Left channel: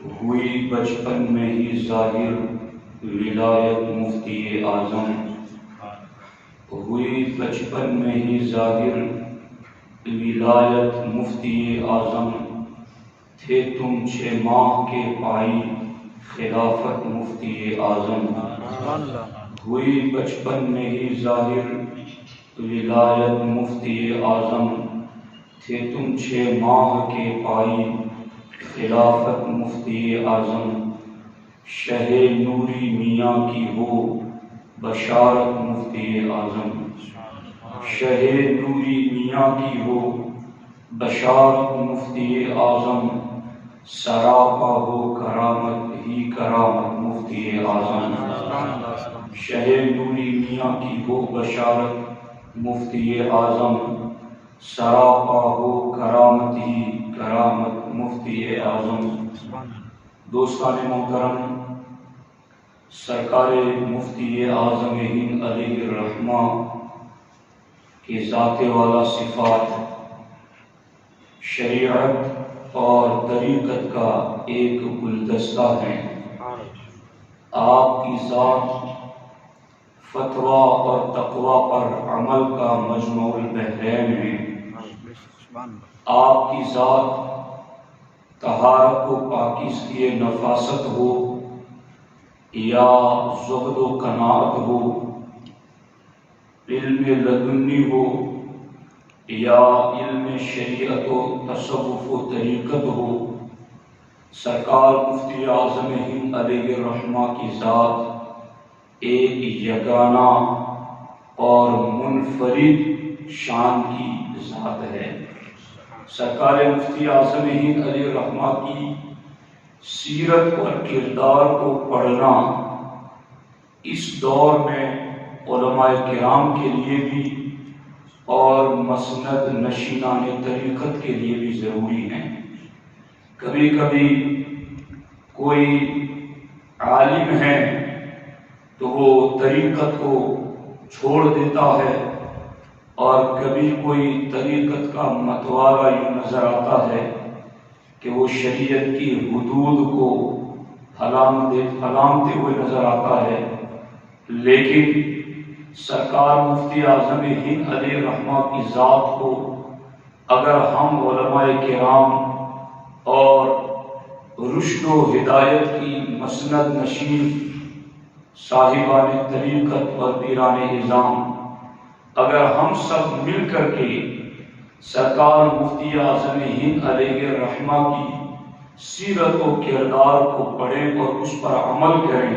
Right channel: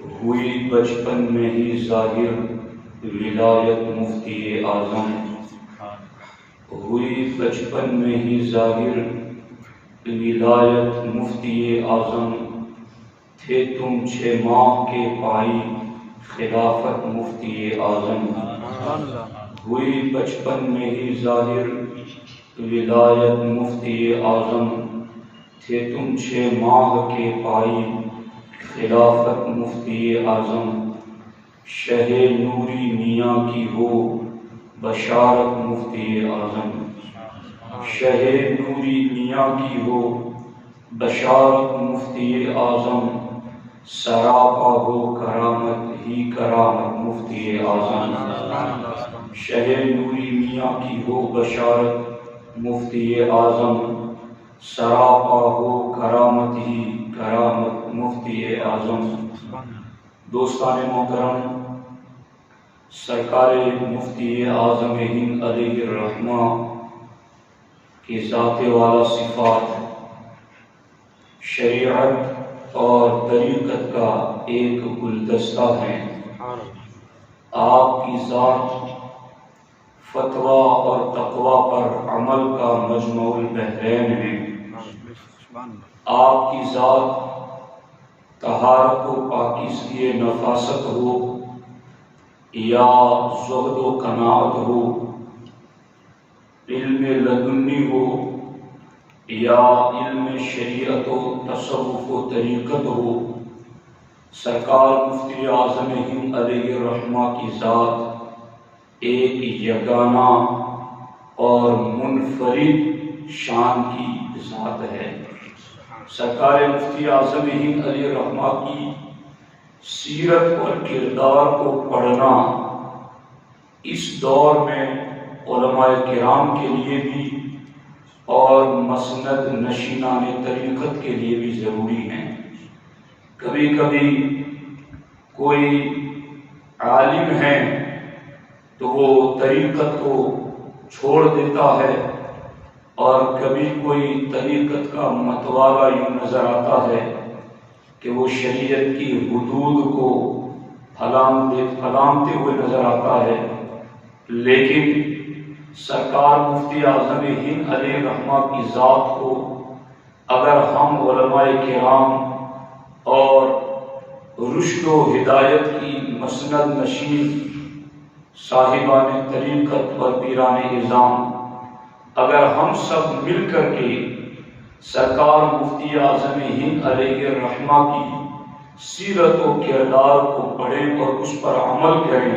ہوئی بچپن میں ہی ظاہر ولایت مفتی اعظم، ہوئی بچپن میں ہی ظاہر ولایت مفتی اعظم، تھے تم 6 ماہ کے پائی خلافت مفتی اعظم، ہوئی بچپن میں ہی ظاہر ولایت مفتی اعظم، تھے تم 6 ماہ کے پائی خلافت مفتی اعظم، شہ نوری میاں کی ہو بشارت مفتی اعظم، شہ نوری میاں کی ہو بشارت مفتی اعظم، سراپا ہو کرامت ہی کرامت مفتی اعظم، شہ نوری میاں کی ہو بشارت مفتی اعظم، سراپا ہو کرامت ہی کرامت مفتی اعظم۔ دوستان محترم، سرکار مفتی اعظم ہند علیہ الرحمہ کی ذات والا صفات شریعت اور طریقت کا ایک گلدستہ ہے۔ آپ کی ذات فتویٰ اور تقویٰ پر عمل کا مجمع البحرین ہے۔ آپ کی ذات طہارت و پاکیزگی نفاست ہو یا زہد و قناعت ہو، علم لدنی ہو یا علم شریعت و تصوف و طریقت ہو، سرکار مفتی اعظم ہند علیہ الرحمہ کی ذات ایک یگانہ اور منفرد شان کی ذات ہے۔ سرکار مفتی اعظم ہند علیہ الرحمہ کی سیرت اور کردار کو پڑھنا اس دور میں علماء کرام کے لیے بھی اور مسند نشینان طریقت کے لیے بھی ضروری ہے۔ کبھی کبھی کوئی عالم ہے تو وہ طریقت کو چھوڑ دیتا ہے، اور کبھی کوئی طریقت کا متوالا یوں نظر آتا ہے کہ وہ شریعت کی حدود کو پھلانگتے ہوئے نظر آتا ہے۔ لیکن سرکار مفتی اعظم ہند علیہ الرحمہ کی ذات کو اگر ہم علماء کرام اور رشد و ہدایت کی مسند نشین صاحبان طریقت اور پیران نظام، اگر ہم سب مل کر کے سرکار مفتی اعظم ہند علیہ الرحمہ کی سیرت و کردار کو پڑھیں اور اس پر عمل کریں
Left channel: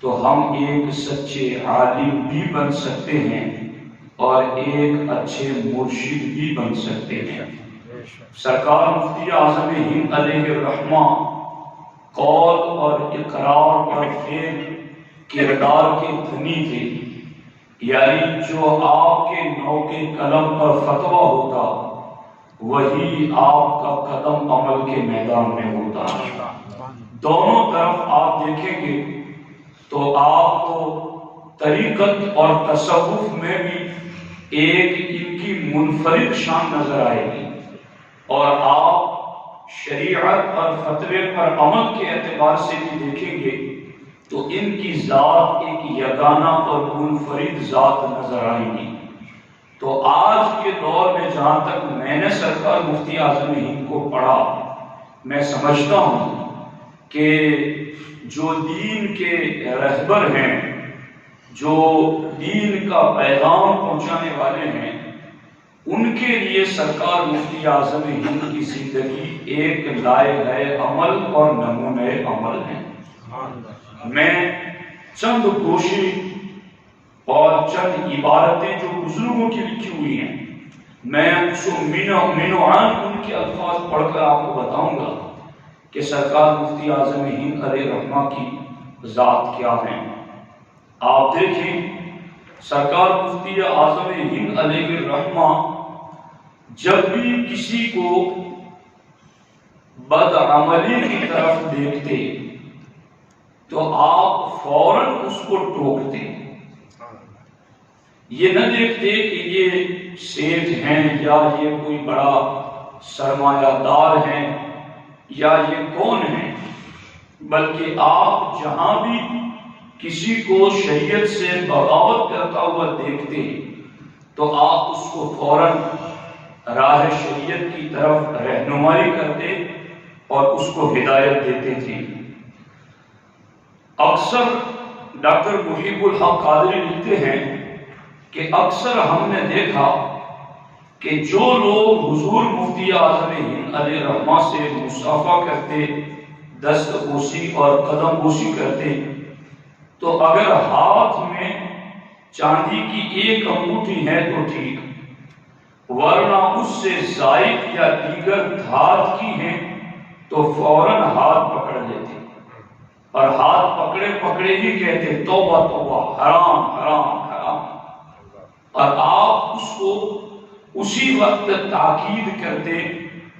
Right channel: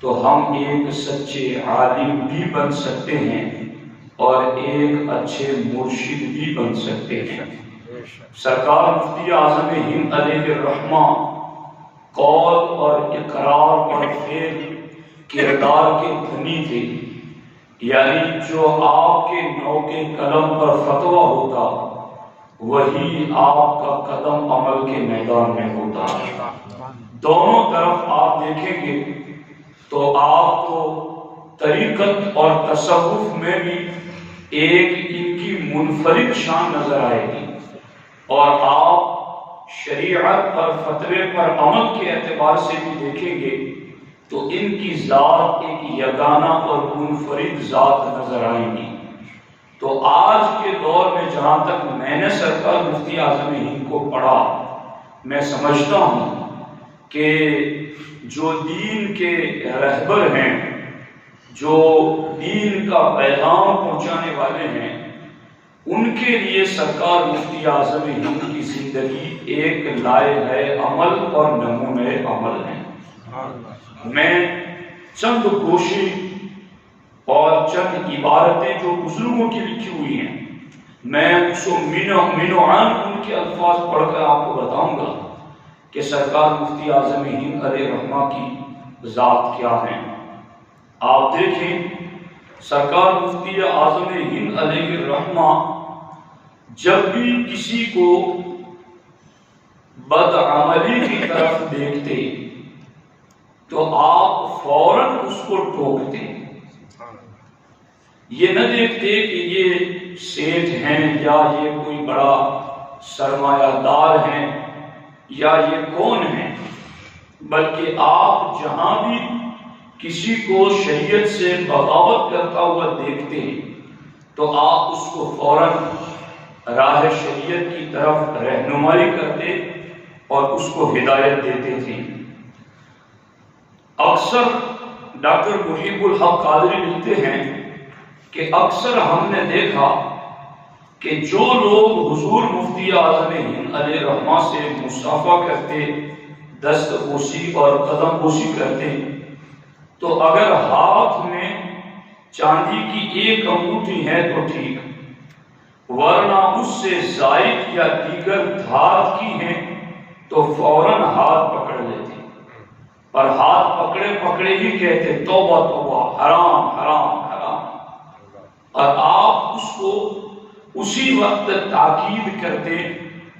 تو ہم ایک سچے عالم بھی بن سکتے ہیں اور ایک اچھے مرشد بھی بن سکتے ہیں۔ سرکار مفتی اعظم ہند علیہ الرحمہ قول اور اقرار اور فعل کردار کے دھنی تھے، یعنی جو آپ کے نوک قلم پر فتویٰ ہوتا وہی آپ کا قدم عمل کے میدان میں ہوتا۔ دونوں طرف آپ دیکھیں گے تو آپ کو طریقت اور تصوف میں بھی ایک ان کی منفرد شان نظر آئے گی، اور آپ شریعت اور فتوے پر عمل کے اعتبار سے بھی دیکھیں گے تو ان کی ذات ایک یگانہ اور منفرد ذات نظر آئے گی۔ تو آج کے دور میں جہاں تک میں نے سرکار مفتی اعظم ہند کو پڑھا، میں سمجھتا ہوں کہ جو دین کے رہبر ہیں، جو دین کا پیغام پہنچانے والے ہیں، ان کے لیے سرکار مفتی اعظم ہند کی زندگی ایک لائحہ عمل اور نمونہ عمل ہے۔ میں چند گوشے اور چند عبارتیں جو بزرگوں کی لکھی ہوئی ہیں، میں اس مینوعان ان کے الفاظ پڑھ کر آپ کو بتاؤں گا کہ سرکار مفتی اعظم ہند علیہ الرحمہ کی ذات کیا ہے۔ آپ دیکھیں، سرکار مفتی اعظم ہند علیہ الرحمہ جب بھی کسی کو بدعملی کی طرف دیکھتے تو آپ فوراً اس کو ٹوکتے، یہ نہ دیکھتے کہ یہ سیٹھ ہیں یا یہ کوئی بڑا سرمایہ دار ہیں یا یہ کون ہیں، بلکہ آپ جہاں بھی کسی کو شریعت سے بغاوت کرتا ہوا دیکھتے تو آپ اس کو فوراً راہ شریعت کی طرف رہنمائی کرتے اور اس کو ہدایت دیتے تھے۔ اکثر ڈاکٹر محب الحق قادری لکھتے ہیں کہ اکثر ہم نے دیکھا کہ جو لوگ حضور مفتی اعظم ہند علیہ الرحمہ سے مصافحہ کرتے، دست بوسی اور قدم بوسی کرتے، تو اگر ہاتھ میں چاندی کی ایک انگوٹھی ہے تو ٹھیک، ورنہ اس سے زائد یا دیگر دھات کی ہیں تو فوراً ہاتھ پکڑ لیتے، اور ہاتھ پکڑے پکڑے ہی کہتے توبہ توبہ، حرام حرام حرام، اور آپ اس کو اسی وقت تاکید کرتے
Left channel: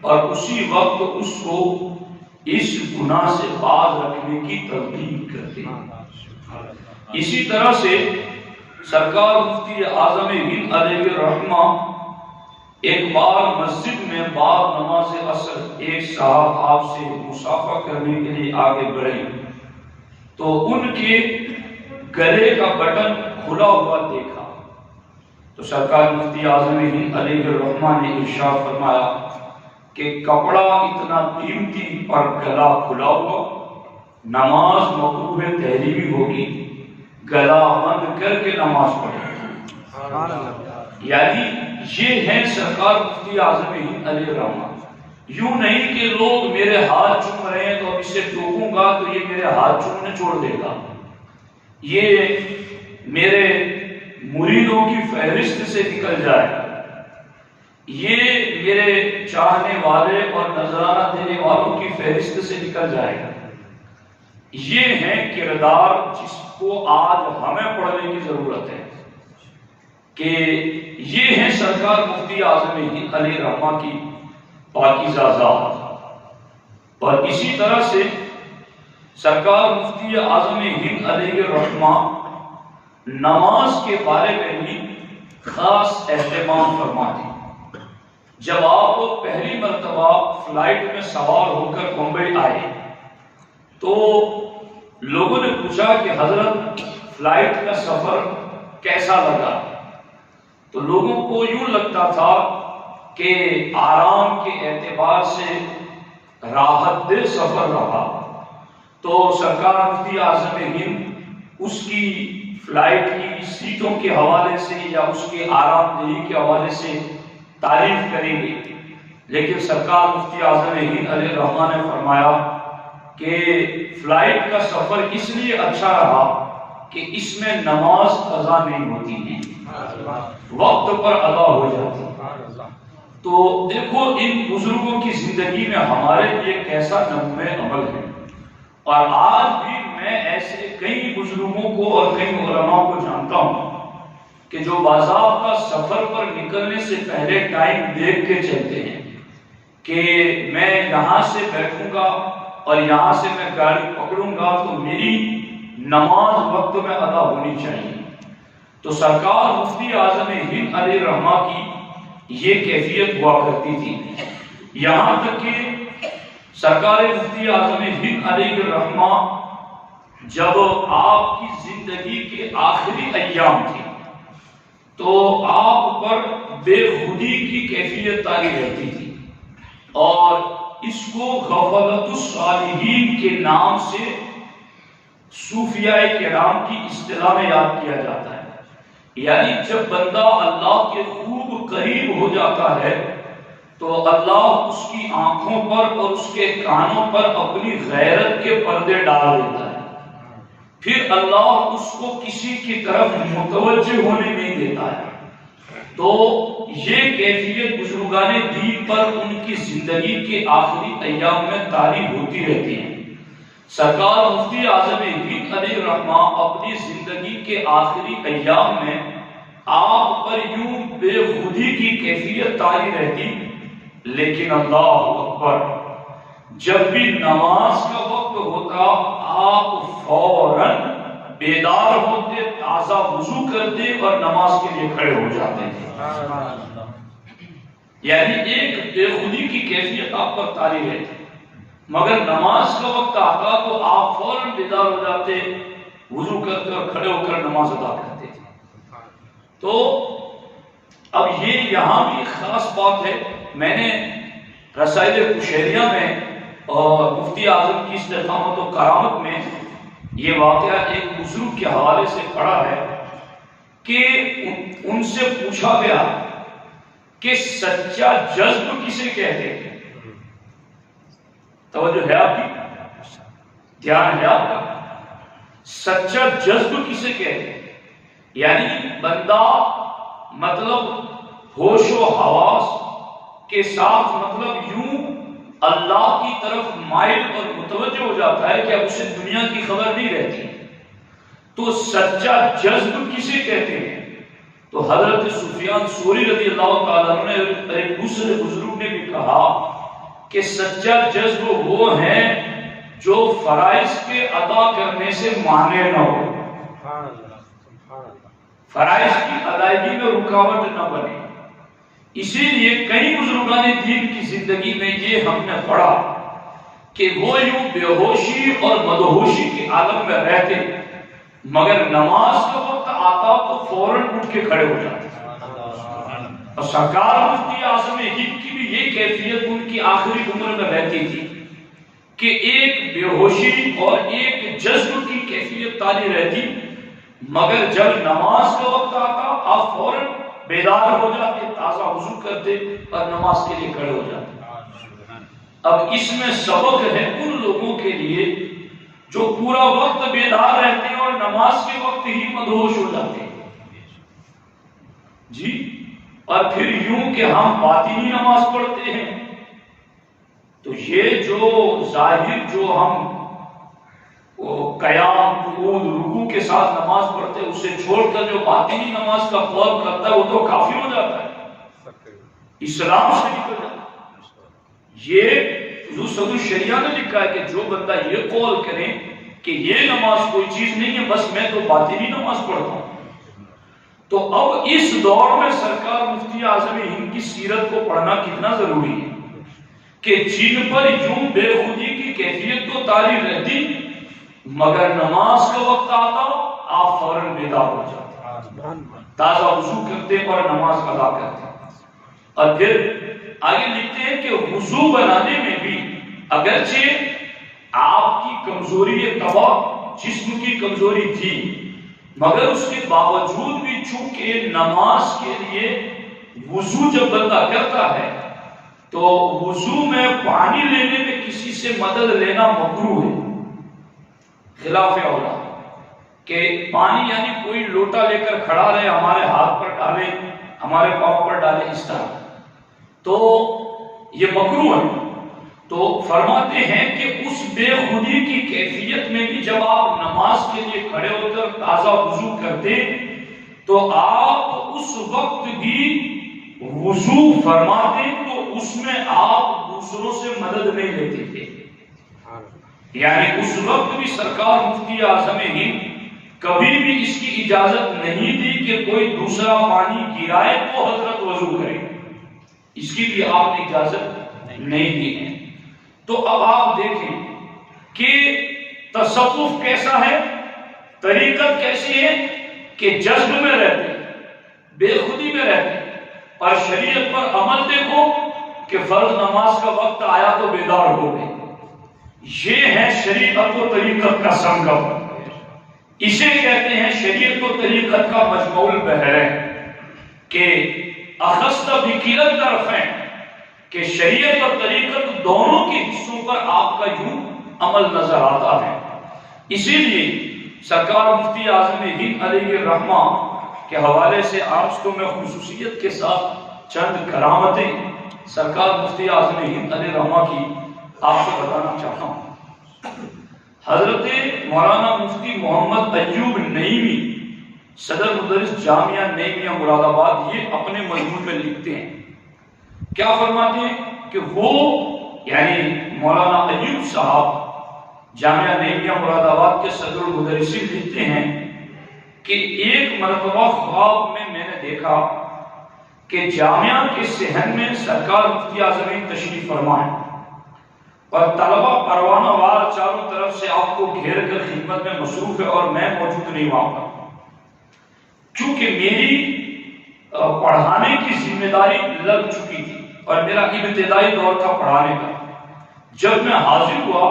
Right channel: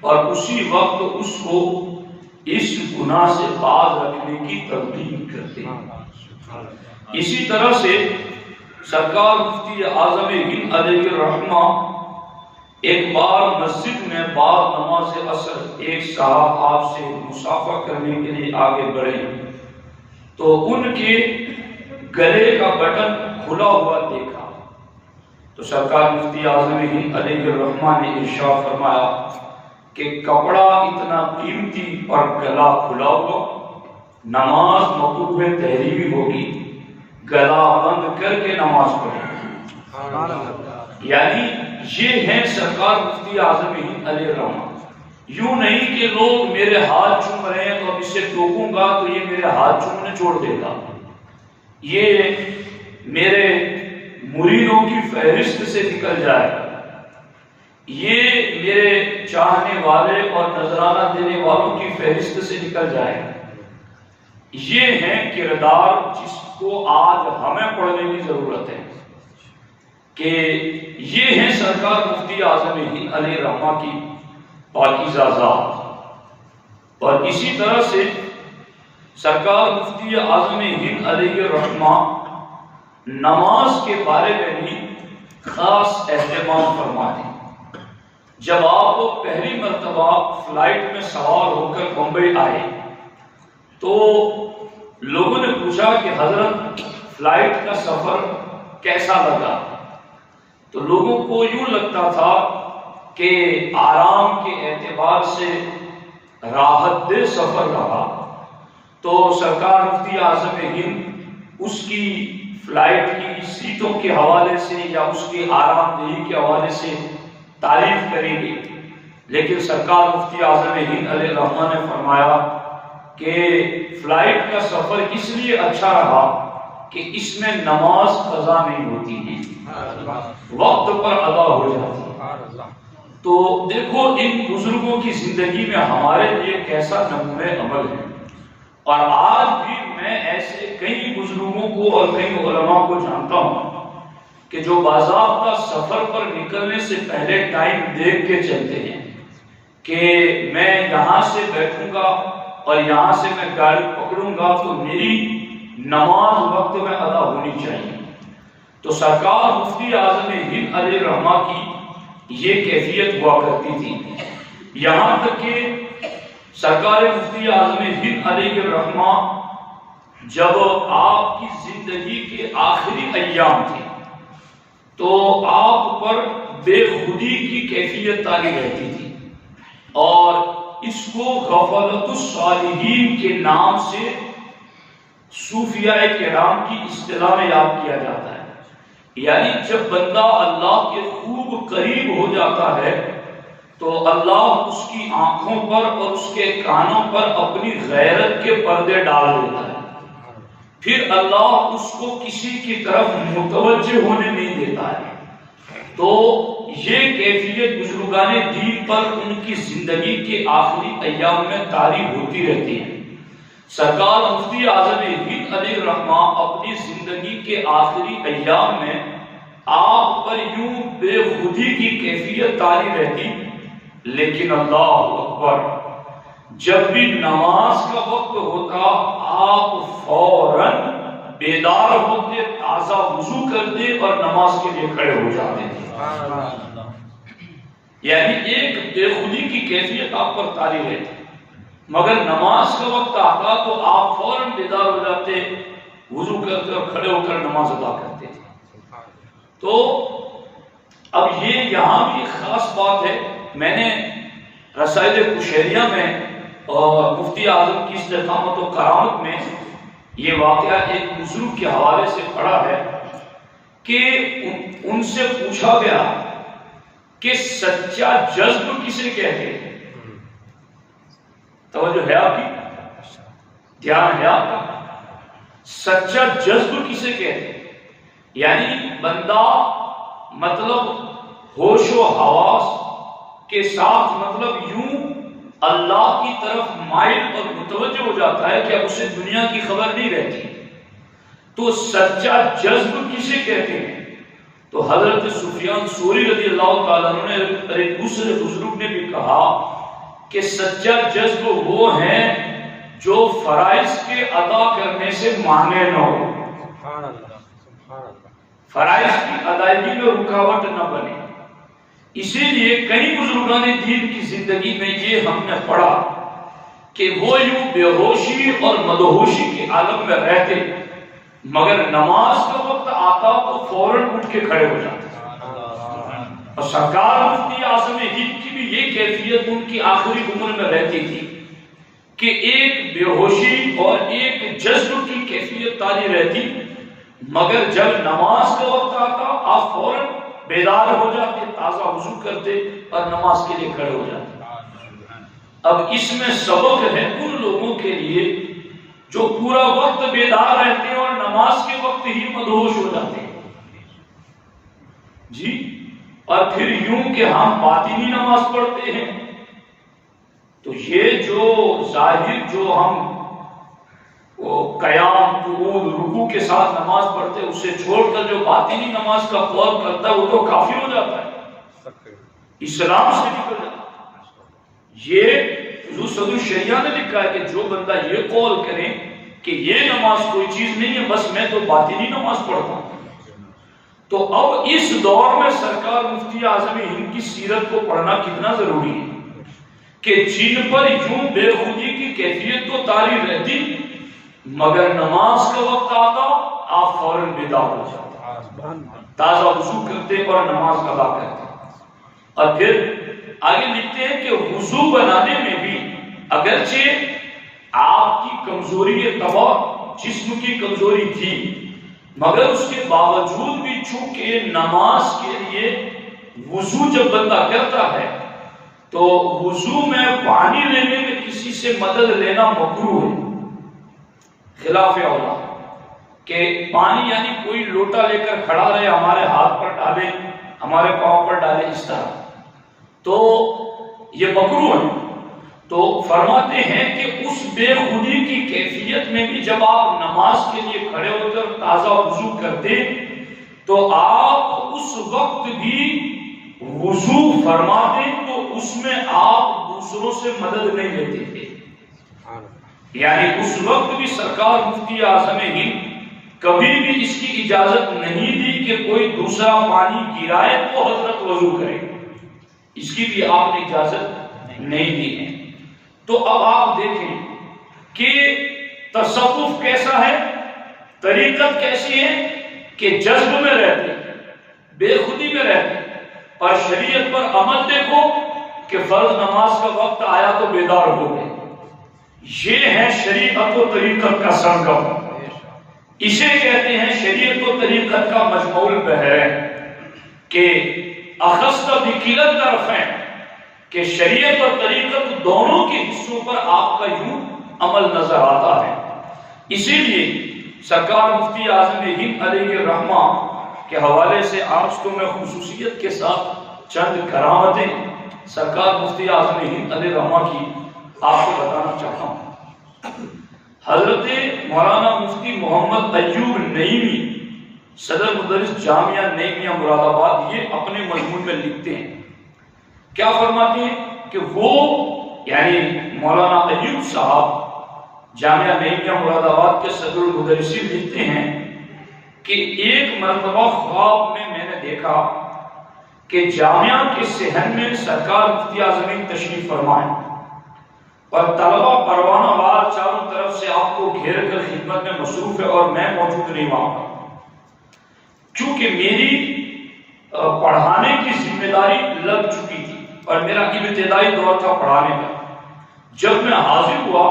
اور اسی وقت اس کو اس گناہ سے باز رکھنے کی تلقین کرتے۔ اسی طرح سے سرکار مفتی اعظم ہند علیہ الرحمہ ایک بار مسجد میں بعد نماز عصر ایک صاحب آپ سے مصافحہ کرنے کے لیے آگے بڑھے تو ان کے گلے کا بٹن کھلا ہوا دیکھا، تو سرکار مفتی اعظم ہند علیہ الرحمہ نے ارشاد فرمایا کہ کپڑا اتنا قیمتی اور گلا کھلا ہوا، نماز مکروہ تحریمی ہوگی، گلا بند کر کے نماز پڑھیں۔ یعنی یہ ہے سرکار مفتی اعظم ہند علیہ الرحمہ۔ یوں نہیں کہ لوگ میرے ہاتھ چوم رہے ہیں تو اب اسے ٹوکوں گا تو یہ میرے ہاتھ چومنے چھوڑ دے گا، یہ میرے مریدوں کی فہرست سے نکل جائے گا، یہ میرے چاہنے والے اور نذرانہ دینے والوں کی فہرست سے نکل جائے گا۔ یہ ہے کردار جس کو آج ہمیں پڑھنے کی ضرورت ہے کہ یہ ہے سرکار مفتی اعظم ہند علیہ الرحمہ کی پاکیزہ ذات۔ اور اسی طرح سے سرکار مفتی اعظم ہند علیہ الرحمہ نماز کے بارے میں بھی خاص اہتمام فرماتے۔ جب آپ پہلی مرتبہ فلائٹ میں سوار ہو کر بمبئی آئے تو لوگوں نے پوچھا کہ حضرت فلائٹ کا سفر کیسا لگا؟ تو لوگوں کو یوں لگتا تھا کہ آرام کے اعتبار سے راحت دہ سفر رہا، تو سرکار مفتی اعظم ہند اس کی فلائٹ کی سیٹوں کے حوالے سے یا اس کے آرام دہی کے حوالے سے تعریف کریں گے، لیکن سرکار مفتی اعظم ہند علیہ الرحمہ نے فرمایا کہ فلائٹ کا سفر اس لیے اچھا رہا کہ اس میں نماز قضا نہیں ہوتی ہے، وقت پر ادا ہو جاتی ہے۔ تو دیکھو ان بزرگوں کی زندگی میں ہمارے لیے کیسا نمونہ عمل ہے، اور آج بھی میں ایسے کئی بزرگوں کو اور کئی علماء کو جانتا ہوں کہ جو باضابطہ سفر پر نکلنے سے پہلے ٹائم دیکھ کے چلتے ہیں کہ میں یہاں سے بیٹھوں گا اور یہاں سے میں گاڑی پکڑوں گا تو میری نماز وقت میں ادا ہونی چاہیے۔ تو سرکار مفتی اعظم ہند علیہ الرحمہ کی یہ کیفیت ہوا کرتی تھی، یہاں تک کہ سرکار مفتی اعظم ہند علیہ الرحمہ جب آپ کی زندگی کے آخری ایام تھے تو آپ پر بے خودی کی کیفیت طاری رہتی تھی، اور اس کو غفلت الصالحین کے نام سے صوفیاء کرام کی اصطلاح میں یاد کیا جاتا ہے۔ یعنی جب بندہ اللہ کے خوب قریب ہو جاتا ہے تو اللہ اس کی آنکھوں پر اور اس کے کانوں پر اپنی غیرت کے پردے ڈال دیتا ہے، پھر اللہ اس کو کسی کی طرف متوجہ ہونے نہیں دیتا ہے۔ تو یہ کیفیت بزرگان دین پر ان کی زندگی کے آخری ایام میں طاری ہوتی رہتی ہے۔ سرکار مفتی اعظم ہند علیہ الرحمہ اپنی زندگی کے آخری ایام میں آپ پر یوں بے خودی کی کیفیت طاری رہتی، لیکن اللہ اکبر جب بھی نماز کا وقت ہوتا آپ فوراً بیدار ہوتے، تازہ وضو کرتے اور نماز کے لیے کھڑے ہو جاتے تھے۔ یعنی ایک بے خودی کی کیفیت آپ پر طاری رہتی۔ مگر نماز کا وقت آتا تو آپ فوراً بیدار ہو جاتے، وضو کرتے اور کھڑے ہو کر نماز ادا کرتے تھے۔ تو اب یہ یہاں بھی ایک خاص بات ہے، میں نے رسائل کشیریہ میں اور مفتی اعظم کی استقامت و کرامت میں یہ واقعہ ایک بزرگ کے حوالے سے پڑھا ہے کہ ان سے پوچھا گیا کہ سچا جذب کسے کہتے ہیں؟ توجہ ہے آپ کی، دھیان ہے آپ کا، سچا جذب کسے کہتے ہیں؟ یعنی بندہ مطلب ہوش و حواس کے ساتھ مطلب یوں اللہ کی طرف مائل اور متوجہ ہو جاتا ہے کہ اب اسے دنیا کی خبر نہیں رہتی۔ تو سچا جذب کسے کہتے ہیں؟ تو حضرت سفیان ثوری رضی اللہ تعالیٰ عنہ نے اور ایک دوسرے بزرگ نے بھی کہا کہ سچا جذب وہ ہے جو فرائض کے ادا کرنے سے مانے نہ ہو، فرائض کی ادائیگی میں رکاوٹ نہ بنے۔ اسی لیے کئی بزرگان دین کی زندگی میں یہ ہم نے پڑھا کہ وہ یوں بے ہوشی اور مدہوشی کے عالم میں رہتے، مگر نماز کا وقت آتا تو فوراً اٹھ کے کھڑے ہو جاتے۔ اور سرکار مفتی اعظم ہند کی بھی یہ کیفیت ان کی آخری عمر میں رہتی تھی کہ ایک بے ہوشی اور ایک جذب کی کیفیت تاری رہتی، مگر جب نماز کا وقت آتا آپ فوراً بیدار ہو جاتے، تازہ وضو کرتے اور نماز کے لیے کھڑے ہو جاتے۔ اب اس میں سبق ہے ان لوگوں کے لیے جو پورا وقت بیدار رہتے ہیں اور نماز کے وقت ہی مدہوش ہو جاتے ہیں جی، اور پھر یوں کہ ہم باطنی نماز پڑھتے ہیں۔ تو یہ جو ظاہر جو ہم قیام قعود رکوع کے ساتھ نماز پڑھتے ہیں، اسے چھوڑ کر جو باطنی نماز کا قول کرتا ہے وہ تو کافر ہو جاتا ہے، اسلام سے نکل جاتا ہے۔ یہ حضور صدر الشریعہ نے لکھا ہے کہ جو بندہ یہ قول کرے کہ یہ نماز کوئی چیز نہیں ہے، بس میں تو باطنی نماز پڑھتا ہوں۔ تو اب اس دور میں سرکار مفتی اعظم ہند کی سیرت کو پڑھنا کتنا ضروری ہے کہ جن پر یوں بے خودی کی کیفیت تو طاری رہتی، مگر نماز کا وقت آتا آپ فوراً بیدار ہو جاتے، تازہ وضو کرتے اور نماز ادا کرتے۔ اور پھر آگے لکھتے ہیں کہ وضو بنانے میں بھی اگرچہ آپ کی کمزوری طبع جسم کی کمزوری تھی، مگر اس کے باوجود بھی چونکہ نماز کے لیے وضو جب بندہ کرتا ہے تو وضو میں پانی لینے میں کسی سے مدد لینا مکروہ ہے، خلاف اولا کہ پانی یعنی کوئی لوٹا لے کر کھڑا رہے، ہمارے ہاتھ پر ڈالے، ہمارے پاؤں پر ڈالے، اس طرح تو یہ مکروہ ہے۔ تو فرماتے ہیں کہ اس بے خودی کی کیفیت میں بھی جب آپ نماز کے لیے کھڑے ہوتے اور تازہ وضو کرتے تو آپ اس وقت بھی وضو فرماتے تو اس میں آپ دوسروں سے مدد نہیں لیتے تھے، یعنی اس وقت بھی سرکار مفتی اعظم ہند کبھی بھی اس کی اجازت نہیں دی کہ کوئی دوسرا پانی گرائے تو حضرت وضو کرے، اس کی بھی آپ نے اجازت نہیں دی ہے۔ تو اب آپ دیکھیں کہ تصوف کیسا ہے، طریقت کیسی ہے کہ جذب میں رہتے، بے خودی میں رہتے، اور شریعت پر عمل دیکھو کہ فرض نماز کا وقت آیا تو بیدار ہو گئے۔ یہ ہے شریعت و طریقت کا سنگم، اسے کہتے ہیں شریعت و طریقت کا مجموع البحرین کہ اخذت بکلا الطرفین، کہ شریعت اور طریقت دونوں کے حصوں پر آپ کا یوں عمل نظر آتا ہے۔ اسی لیے سرکار مفتی اعظم ہند علیہ الرحمہ کے حوالے سے آج تو میں خصوصیت کے ساتھ چند کرامتیں سرکار مفتی اعظم ہند علیہ الرحمہ کی آپ کو بتانا چاہتا ہوں۔ حضرت مولانا مفتی محمد ایوب نعیمی صدر مدرس جامعہ نعیمیہ مراد آباد یہ اپنے مضمون میں لکھتے ہیں، کیا فرماتے ہیں کہ وہ یعنی مولانا ایوب صاحب جامعہ نعیمیہ مراد آباد کے صدر المدرسین لکھتے ہیں کہ ایک مرتبہ خواب میں نے دیکھا کہ جامعہ کے صحن میں سرکار مفتی اعظم ہند تشریف فرمائے اور طلبہ پروانہ وار چاروں طرف سے آپ کو گھیر کر خدمت میں مصروف ہے اور میں موجود نہیں وہاں پر، چونکہ میری پڑھانے کی ذمہ داری لگ چکی تھی اور میرا ابتدائی دور تھا پڑھانے کا۔ جب میں حاضر ہوا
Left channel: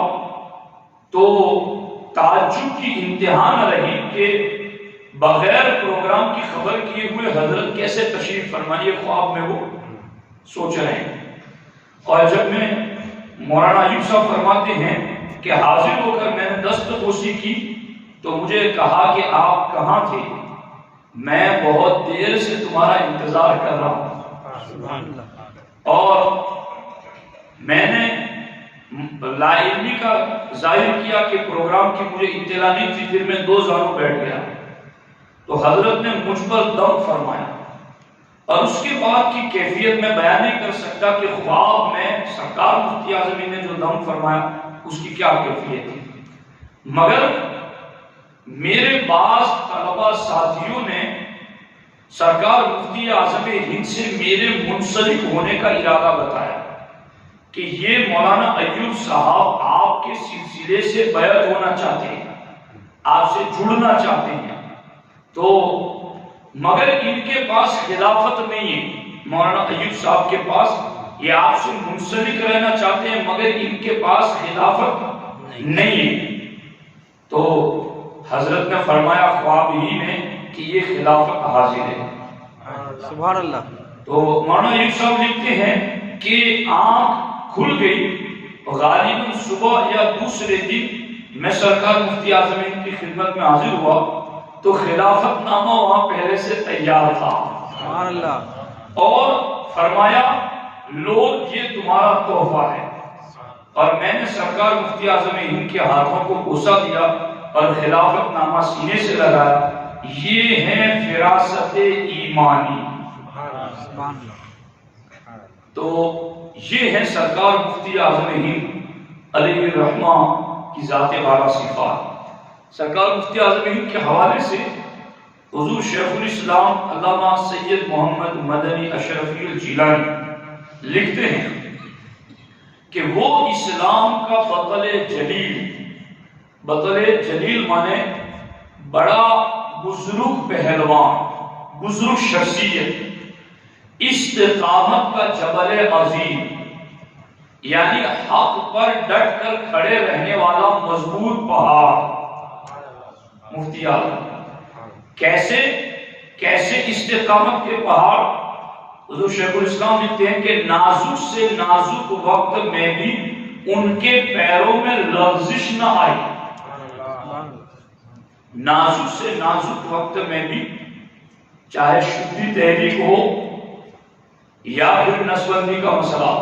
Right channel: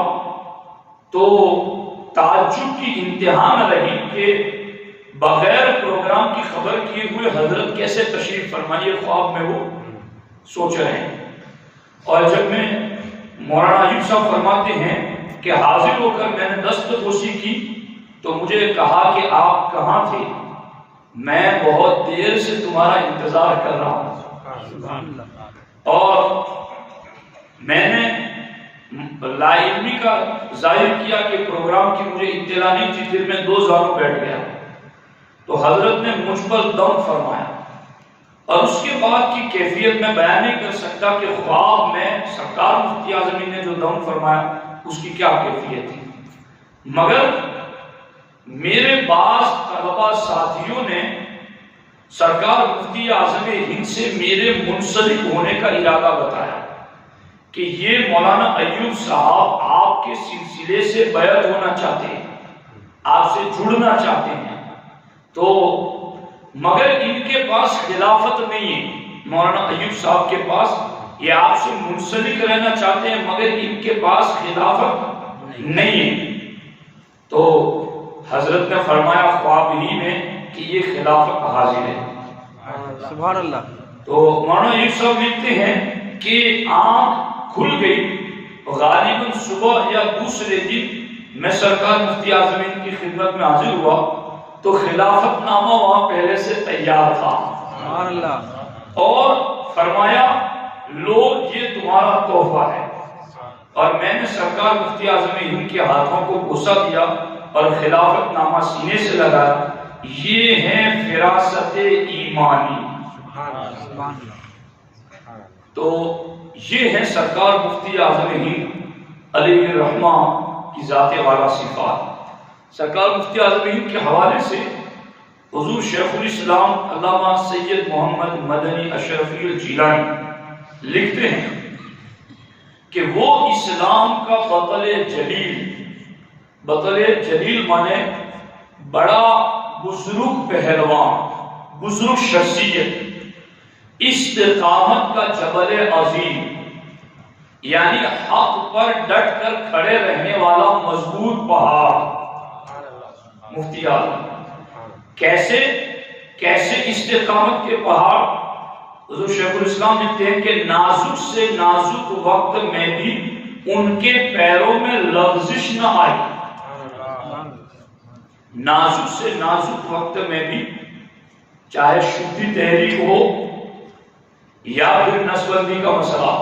تو تعجب کی انتہا نہ رہی کہ بغیر پروگرام کی خبر کیے ہوئے حضرت کیسے تشریف فرمائیے خواب میں وہ سوچ رہے ہیں۔ اور جب میں مولانا ایوب صاحب فرماتے ہیں کہ حاضر ہو کر میں نے دستبوسی کی تو مجھے کہا کہ آپ کہاں تھے، میں بہت دیر سے تمہارا انتظار کر رہا ہوں۔ اور میں نے لا علمی کا ظاہر کیا کہ پروگرام کی مجھے اطلاع نہیں تھی، پھر میں دو زانوں بیٹھ گیا تو حضرت نے مجھ پر دم فرمایا، اور اس کے بعد کی کیفیت میں بیان نہیں کر سکتا کہ خواب میں سرکار مفتی اعظم نے جو دم فرمایا اس کی کیا کیفیت تھی، مگر میرے بعض طلبہ ساتھیوں نے سرکار مفتی اعظم ہند سے میرے منسلک ہونے کا ارادہ بتایا کہ یہ مولانا ایوب صاحب آپ کے سلسلے سے بیعت ہونا چاہتے ہیں، آپ سے جڑنا چاہتے ہیں، تو مگر ان کے پاس خلافت نہیں ہے، مولانا ایوب صاحب کے پاس یہ آپ سے منسلک رہنا چاہتے ہیں مگر ان کے پاس خلافت نہیں ہے۔ تو حضرت نے فرمایا خواب ہی میں کہ یہ خلافت حاضر ہے، سبحان اللہ۔ تو مولانا ایوب صاحب لکھتے ہیں کہ آنکھ کھل گئی، غالباً صبح یا دوسرے دن میں سرکار مفتی اعظم کی خدمت میں حاضر ہوا تو خلافت نامہ وہاں پہلے سے تیار تھا، سبحان اللہ، اور فرمایا لو یہ تمہارا تحفہ ہے، اور میں نے سرکار مفتی اعظم ہند کے ہاتھوں کو بوسہ دیا اور خلافت نامہ سینے سے لگایا، یہ ہے فراست ایمانی۔ سبحان اللہ۔ تو یہ ہے سرکار مفتی اعظم ہند علیہ الرحمہ کی ذات والا صفات۔ سرکار مفتی اعظم ہند کے حوالے سے حضور شیخ الاسلام علامہ سید محمد مدنی اشرفی الجیلانی لکھتے ہیں کہ وہ اسلام کا بطل جلیل مانے بڑا بزرگ پہلوان، بزرگ شخصیت، استقامت کا جبل عظیم، یعنی حق پر ڈٹ کر کھڑے رہنے والا مضبوط پہاڑ مفتی اعظم۔ کیسے استقامت کے پہاڑ؟ حضور شیخ الاسلام لکھتے ہیں کہ نازک سے نازک وقت میں بھی ان کے پیروں میں لغزش نہ آئی، نازک سے نازک وقت میں بھی، چاہے شدی تحریک ہو یا پھر نسبندی کا مسئلہ،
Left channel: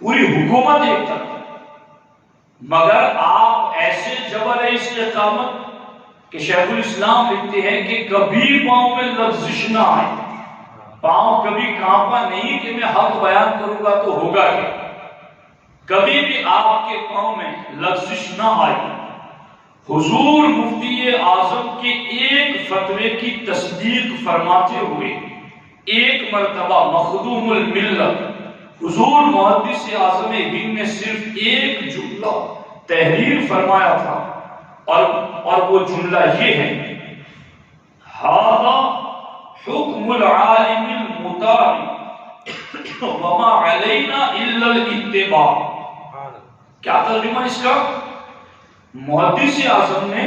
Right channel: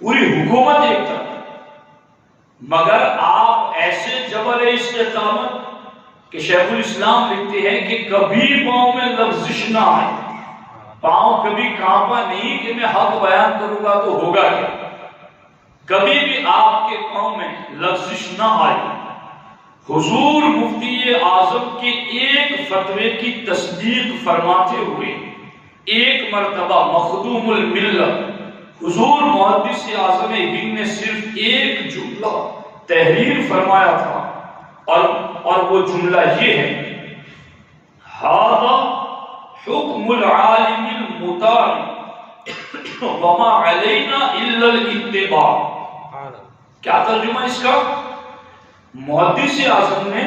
پوری حکومت ایک طرف، مگر آپ ایسے جبل استقامت کہ شیخ الاسلام لکھتے ہیں کہ کبھی پاؤں میں لغزش نہ آئے، پاؤں کبھی کانپا نہیں کہ میں حق بیان کروں گا تو ہوگا کیا، کبھی بھی آپ کے پاؤں میں لغزش نہ آئی۔ حضور مفتی اعظم کے ایک فتوے کی تصدیق فرماتے ہوئے ایک مرتبہ مخدوم الملت حضور محدث اعظم ہند نے صرف ایک جملہ تحریر فرمایا تھا، اور وہ جملہ یہ ہے، ھذا حکم العالم المطاع وما علینا الا الاتباع۔ کیا ترجمہ اس کا؟ محدث اعظم نے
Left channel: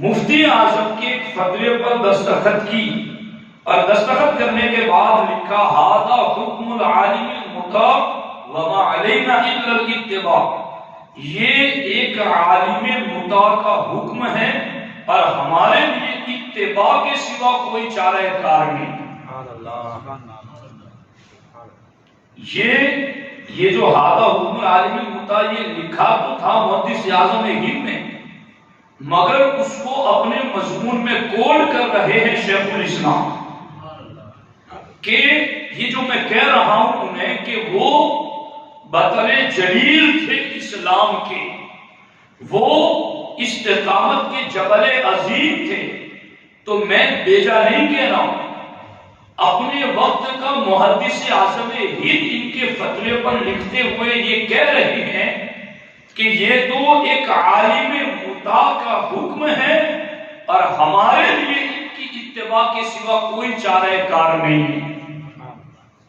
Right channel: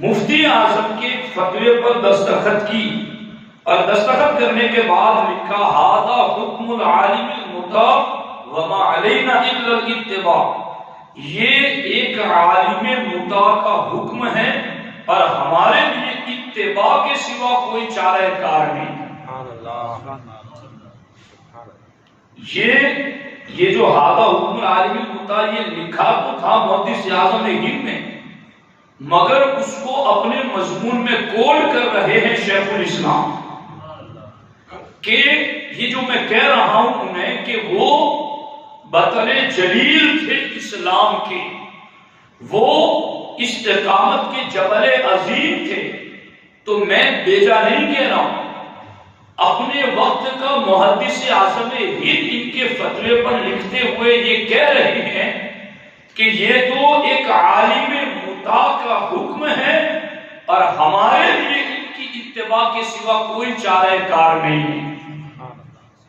مفتی اعظم کے فتوے پر دستخط کی اور دستخط کرنے کے بعد لکھا ھذا حکم العالم المطاع وما علینا الا الاتباع، یہ ایک عالم مطاع کا حکم ہے اور ہمارے لیے اتباع کے سوا کوئی چارہ کار نہیں۔ یہ جو ھذا حکم العالم المطاع یہ لکھا تو تھا محدث اعظم ہند نے، مگر اس کو اپنے مضمون میں کوڈ کر رہے ہیں شیخ الاسلام، کہ یہ جو میں کہہ رہا ہوں انہیں کہ وہ بطل جلیل تھے اسلام کے، وہ استقامت کے جبل عظیم تھے، تو میں بیجا نہیں کہہ رہا ہوں، اپنے وقت کا محدث اعظم ہند ان کے فتوے پر لکھتے ہوئے یہ کہہ رہے ہیں کہ یہ تو ایک عالم مطاع کا حکم ہے اور ہمارے لیے ان کی اتباع کے سوا کوئی چارہ کار نہیں ہے۔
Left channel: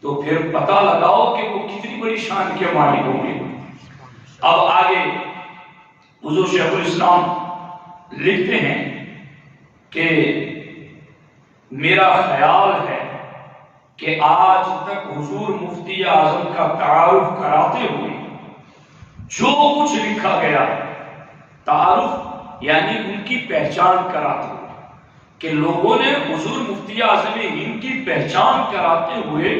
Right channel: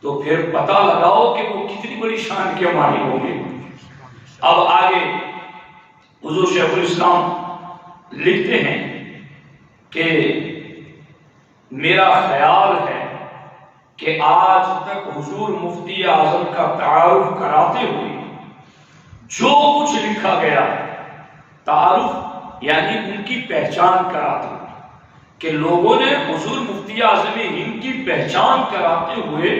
تو پھر پتہ لگاؤ کہ وہ کتنی بڑی شان کے مالک ہوں گے۔ اب آگے حضور شیخ الاسلام لکھتے ہیں کہ میرا خیال ہے کہ آج تک حضور مفتی اعظم کا تعارف کراتے ہوئے جو کچھ لکھا گیا ہے، تعارف یعنی ان کی پہچان کراتے ہوئے، کہ لوگوں نے حضور مفتی اعظم ہند کی پہچان کراتے ہوئے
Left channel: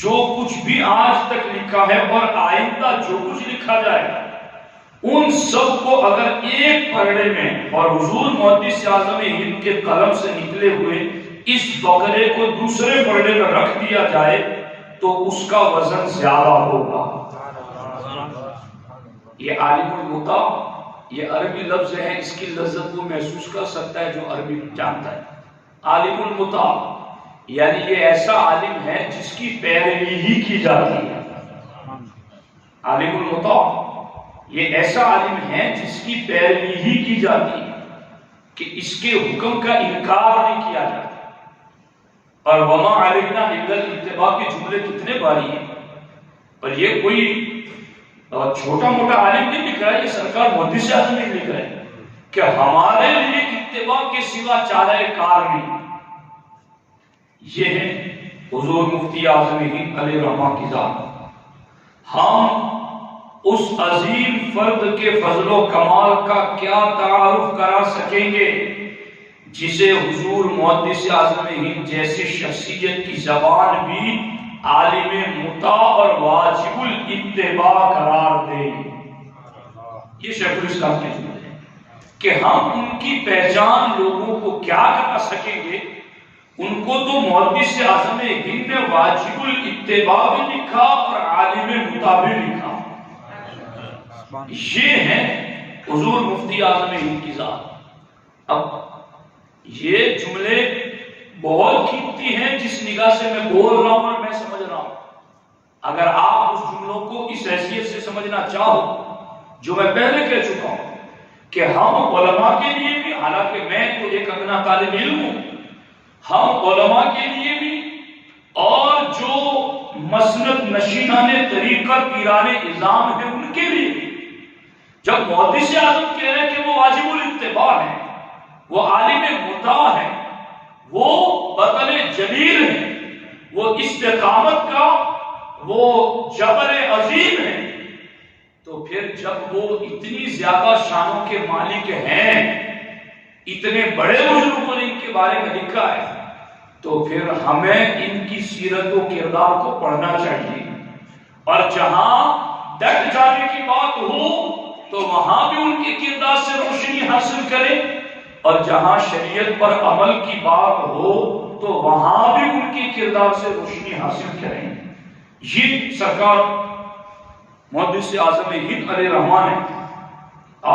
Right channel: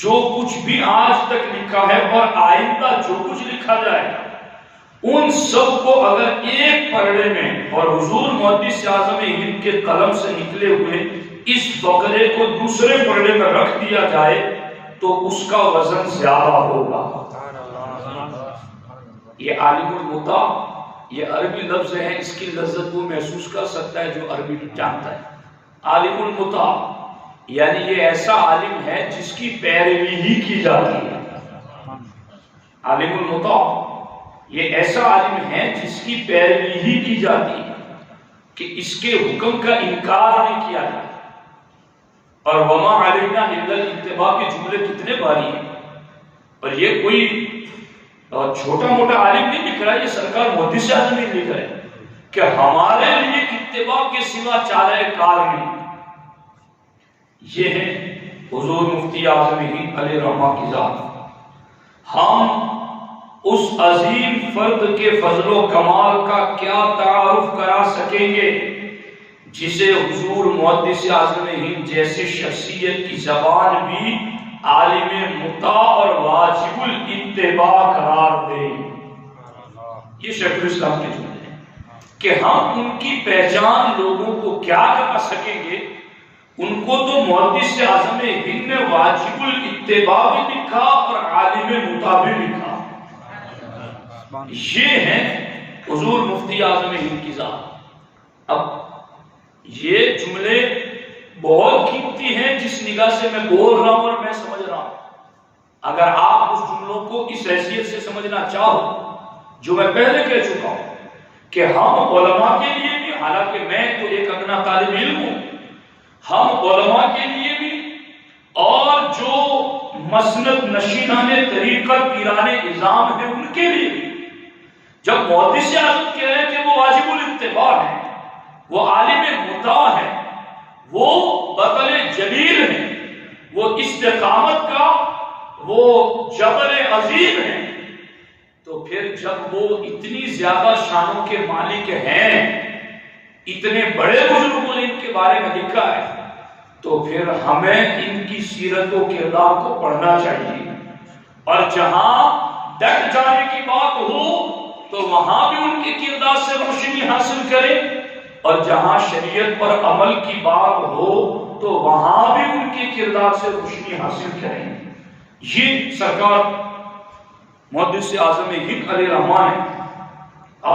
جو کچھ بھی آج تک لکھا ہے اور آئندہ جو کچھ لکھا جائے ان سب کو اگر ایک پرڑے میں اور حضور محدث اعظم ہند کے قلم سے نکلے ہوئے اس فقرے کو دوسرے پرڑے میں رکھ دیا جائے تو اس کا وزن زیادہ ہوگا۔ یہ عالم المطاع یہ عربی لفظ ہے، اس کی لذت وہ محسوس کر سکتا ہے جو عربی جانتا ہے۔ عالم المطاع یعنی یہ ایسا عالم ہے جس کی پیروی ہی کی جاتی ہے۔ عالم المطاع یہ ایسا عالم ہے جس کی پیروی ہی کی جاتی ہے، کہ اس کے حکم کا انکار نہیں کیا جاتا۔ اور وما علینا الا الاتباع کے جملے کتنے باری ہیں، اور یہ کوئی چھوٹا موٹا عالم نہیں لکھ رہا ہے، یہ سرکار محدث اعظم نہیں لکھ رہے کہ ہمارے لیے اتباع کے سوا چارہ کار نہیں۔ یہ ہے حضور مفتی اعظم ہند علیہ رحمہ کی ذات۔ ہم اس عظیم فرد کے فضل و کمال کا کیا تعارف کرا سکیں گے جسے حضور محدث اعظم ہند جیسی شخصیت کی زبان بھی عالم مطاع اور واجب الاتباع قرار دے۔ یہ شیخ الاسلام کے جملے ہیں کہ ہم ان کی پہچان لوگوں کو کیا کرا سکیں گے۔ ان کو تو محدث اعظم ہند نے واجب الاتباع بھی لکھا اور عالم مطاع بھی لکھا۔ یہ ہے حضور مفتی اعظم ہند کی ذات۔ اب یہ جملے بہت قیمتی ہیں جس نگاہ سے میں بول رہا ہوں اور میں سمجھ رہا ہوں۔ اگر آپ اس جملوں کو اس حیثیت سے سمجھنا چاہو جو میں پہلے کہہ چکا ہوں کہ ہم علماء کے لیے بھی، حالانکہ میں تو ایک ادنا طالب علم ہوں، ہم علماء کے لیے بھی اور جو مسند نشینان طریقت پیران اعظام ہیں ان کے لیے بھی، جب محدث اعظم کہہ رہے ہیں کہ وہ واجب الاتباع ہے، وہ عالم مطاع ہے، وہ بطل جلیل ہے، وہ استقامت کا وہ جبل عظیم ہے، تو پھر جب وہ اتنی زیادہ شانوں کے مالک ہیں، اتنے بڑے بزرگوں نے ان کے بارے میں لکھا ہے، تو پھر ہمیں ان کی سیرت و کردار کو پڑھنا چاہیے، اور جہاں ڈٹ جانے کی بات ہو تو وہاں بھی ان کے کردار سے روشنی حاصل کریں، اور جہاں شریعت پر عمل کی بات ہو تو وہاں بھی ان کے کردار سے روشنی حاصل کریں۔ یہ سرکار محدث اعظم ہند علیہ رحمہ نے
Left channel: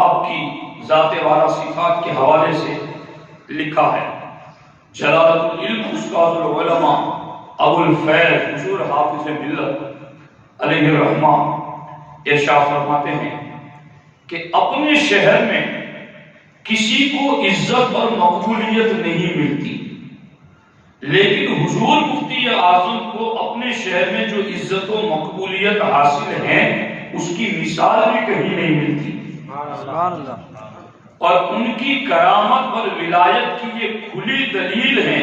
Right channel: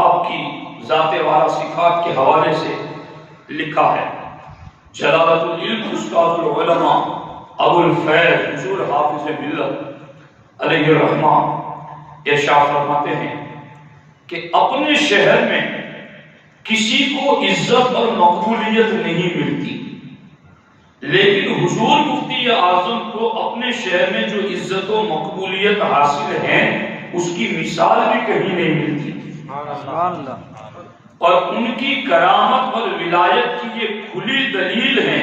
آپ کی ذات والا صفات کے حوالے سے لکھا ہے۔ جلالت العلم استاذ العلماء ابو الفیض حضور حافظ ملت علیہ رحمہ ارشاد فرماتے ہیں کہ اپنے شہر میں کسی کو عزت اور مقبولیت نہیں ملتی، لیکن حضور مفتی اعظم کو اپنے شہر میں جو عزت و مقبولیت حاصل ہے اس کی مثال بھی کہیں نہیں ملتی۔ سبحان اللہ۔ اور ان کی کرامت اور ولایت کی یہ کھلی دلیل ہے،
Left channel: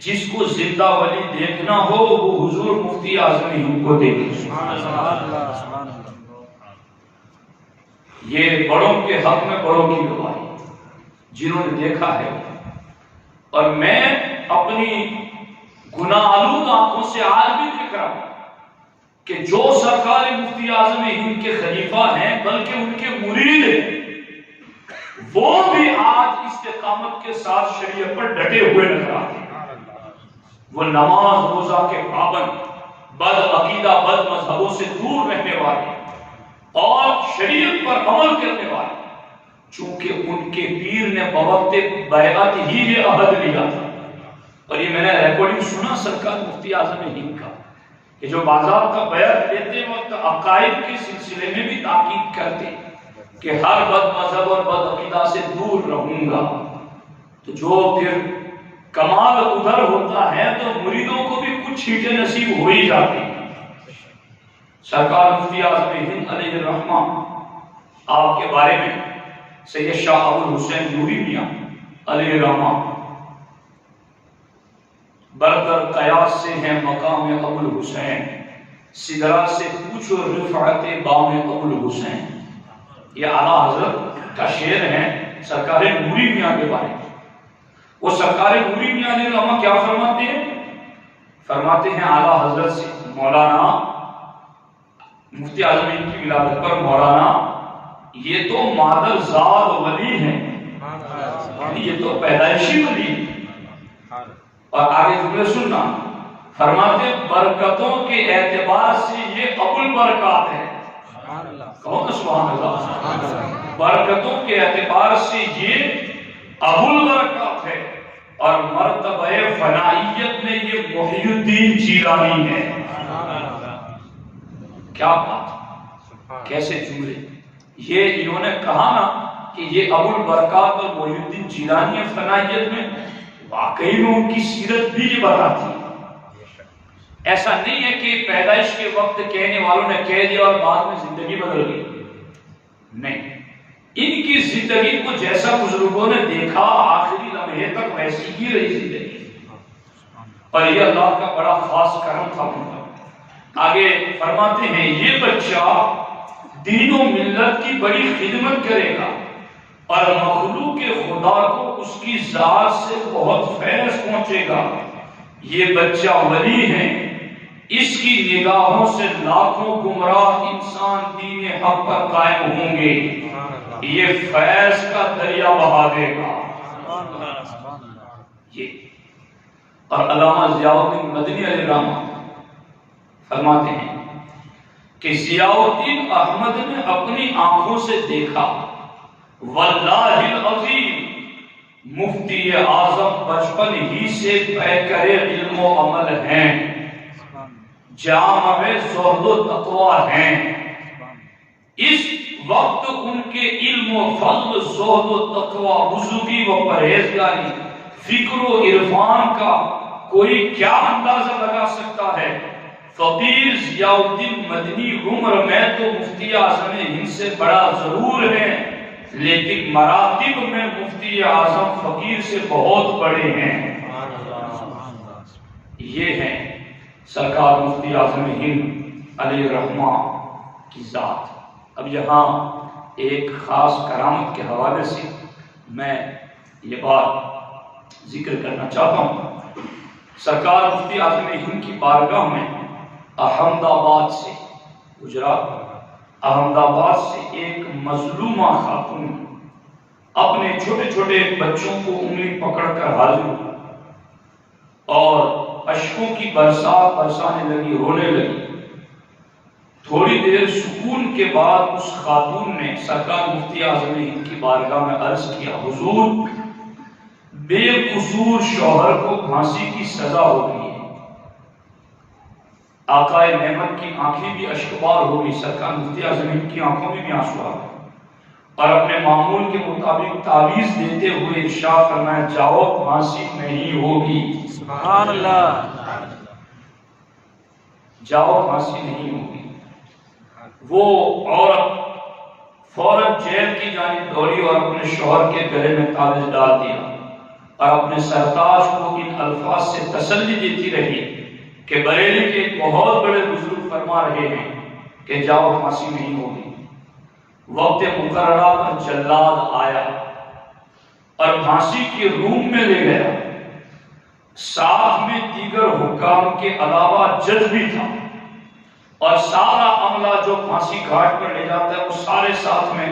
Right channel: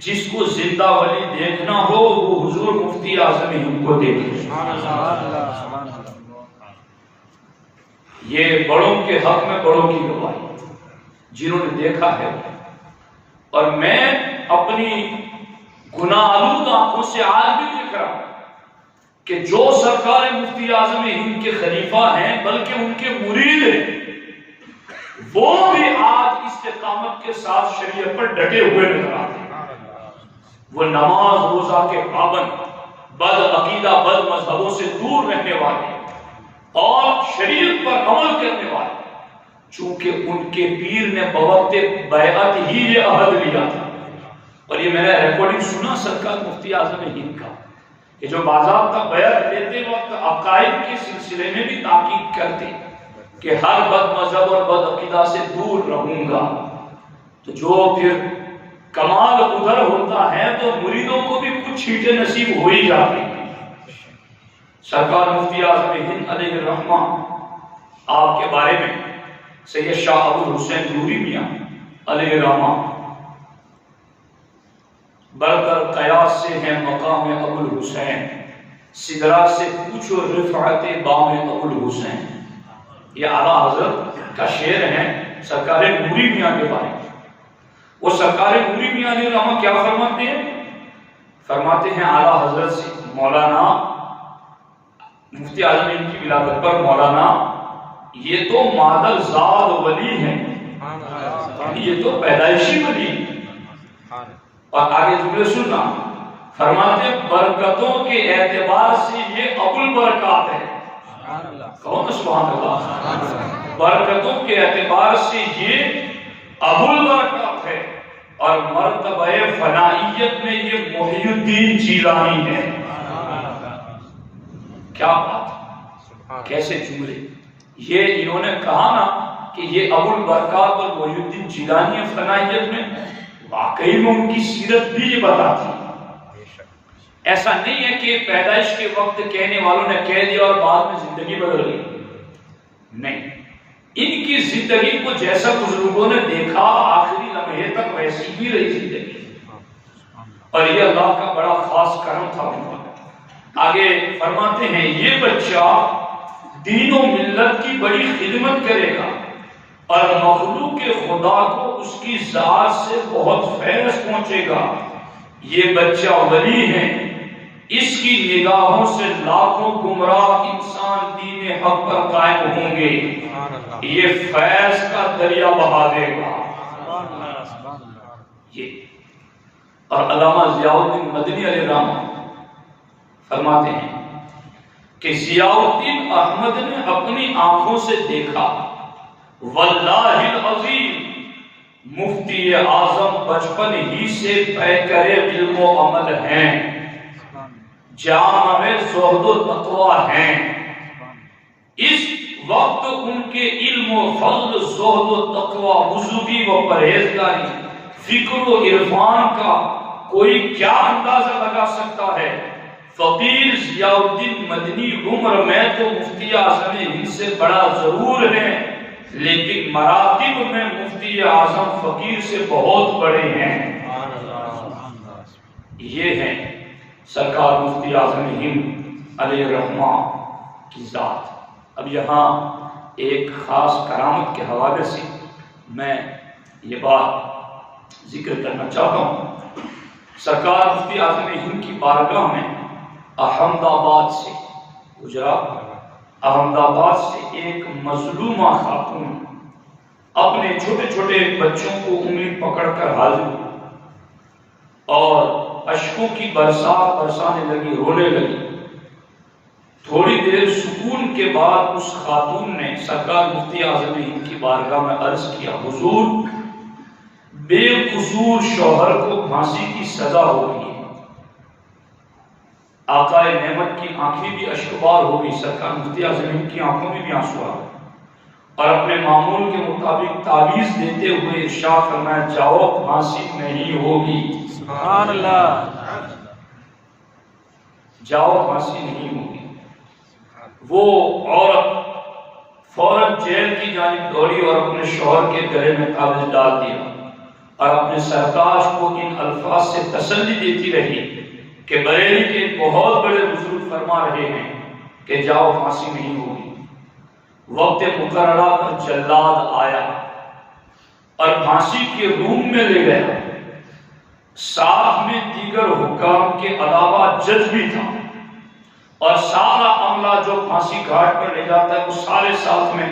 جس کو زندہ ولی دیکھنا ہو وہ حضور مفتی اعظم ہند کو دیکھے۔ سبحان اللہ، سبحان اللہ۔ یہ بڑوں کے حق میں بڑوں کی گواہی جنہوں نے دیکھا ہے، اور میں اپنی گناہ آلود آنکھوں سے آج بھی دیکھ رہا ہوں کہ جو سرکار مفتی اعظم ہند کے خلیفہ ہیں بلکہ ان کے مرید ہیں، وہ بھی آج استقامت کے ساتھ شریعت پر ڈٹے ہوئے نظر آتے ہیں۔ وہ نماز روزہ کے پابند، بد عقیدہ بد مذہبوں سے دور رہنے والے اور شریعت پر عمل کرنے والے، چونکہ ان کے پیر نے بوقت بیعت ہی یہ عہد لیا تھا اور یہ میں نے ریکارڈنگ سنا سرکار مفتی اعظم ہند کا کہ جو باضابطہ بیعت لیتے وقت عقائد کے سلسلے میں بھی تاکید کرتے کہ ہر بد مذہب اور بد عقیدہ سے دور رہوں گا، تو جو پھر کمال ادھر ہوتا ہے تو مریدوں کو بھی کچھ چھیٹے نصیب ہو ہی جاتے ہیں۔ سرکار مفتی اعظم ہند علیہ الرحمہ آپ کے بارے میں سید شاہ ابو الحسین نوری میاں علیہ الرحمہ برتر قیاس سے ہیں مقام ابو الحسین، سدرا سے پوچھو رفعت بام ابو الحسین، یہ اعلیٰ حضرت کا شعر ہے سرکار نوری میاں کے بارے میں۔ وہ سرکار نوری میاں علیہ الرحمہ کیا فرماتے ہیں؟ فرماتے ہیں اعلیٰ حضرت سے مولانا مفتی اعظم ہند کی ولادت پر مولانا یہ تو مادر زاد ولی ہیں، یہ تو پیدائشی ولی ہیں۔ اور آگے جملے سننا، فرماتے برکتوں کے اعتبار سے یہ ابو البرکات ہے۔ کون سبحان اللہ؟ برکتوں کے اعتبار سے یہ ابو البرکات ہے، اور مرتبہ فنائیت میں یہ محی الدین جیلانی ہے۔ کیا بات، کیسے جملے! یہ انہوں نے کہا نا کہ یہ ابو البرکات اور محی الدین جیلانی فنائیت میں، واقعی میں ان کی سیرت بھی یہ بتاتی ہے۔ ایسا نہیں ہے کہ پیدائش کے وقت کہنے والوں نے کہہ دیا اور بعد میں زندگی بدل گئی، نہیں، ان کی زندگی کو جیسا بزرگوں نے دیکھا آخری لمحے تک ویسی ہی رہی زندگی، اور یہ اللہ کا بڑا خاص کرم تھا ان پر۔ آگے فرماتے ہیں یہ بچہ دین و ملت کی بڑی خدمت کرے گا اور مخلوق خدا کو اس کی ذات سے بہت فیض پہنچے گا۔ یہ بچہ ولی ہے، اس کی نگاہوں سے لاکھوں گمراہ انسان دین حق پر قائم ہوں گے، یہ فیض کا دریا بہا دے گا۔ یہ اور علامہ ضیاء الدین مدنی علیہ الرحمہ فرماتے ہیں کہ ضیاء الدین احمد نے اپنی آنکھوں سے دیکھا، واللہ العظیم مفتی اعظم بچپن ہی سے پیکر علم و عمل ہیں، جامع زہد و تقوی ہیں۔ اس وقت ان کے علم و فضل، زہد و تقوی، وضوبی و پرہیزگاری، فکر و عرفان کا کوئی کیا اندازہ لگا سکتا ہے؟ فقیر ضیاء الدین مدنی عمر میں تو مفتی اعظم ہند سے بڑا ضرور ہے، لیکن مراتب میں مفتی اعظم فقیر سے بہت بڑے ہیں۔ یہ ہیں سرکار مفتی اعظم ہند علیہ الرحمہ کی ذات۔ اب یہاں ایک خاص کرامت کے حوالے سے میں یہ بات ذکر کرنا چاہتا ہوں۔ سرکار مفتی اعظم ہند کی بارگاہ میں احمد آباد سے، گجرات احمد آباد سے ایک مظلومہ خاتون اپنے چھوٹے چھوٹے بچوں کو انگلی پکڑ کر حاضر ہوئی اور اشکوں کی برسات برسانے لگی، رونے لگی۔ تھوڑی دیر سکون کے بعد اس خاتون نے سرکار مفتی اعظم ہند کی بارگاہ میں عرض کیا، حضور بے قصور شوہر کو پھانسی کی سزا ہو گئی ہے۔ آقا نعمت کی آنکھیں بھی اشکبار ہو گئی، سرکار مفتی اعظم ہند کی آنکھوں میں بھی آنسو آ گئے، اور اپنے معمول کے مطابق تعویذ دیتے ہوئے ارشاد فرمایا، جاؤ پھانسی نہیں ہوگی۔ سبحان اللہ، جاؤ پھانسی نہیں ہوگی۔ وہ عورت فوراً جیل کی جانب دوڑی اور اپنے شوہر کے گلے میں تعویذ ڈال دیا اور اپنے سرتاج کو ان الفاظ سے تسلی دیتی رہی کہ بریلی کے بہت بڑے بزرگ فرما رہے ہیں کہ جاؤ پھانسی نہیں ہوگی۔ وقت مقررہ پر جلاد آیا اور پھانسی کے روم میں لے گیا، ساتھ میں دیگر حکام کے علاوہ جج بھی تھا، اور سارا عملہ جو پھانسی گھاٹ پر لے جاتا ہے وہ سارے ساتھ میں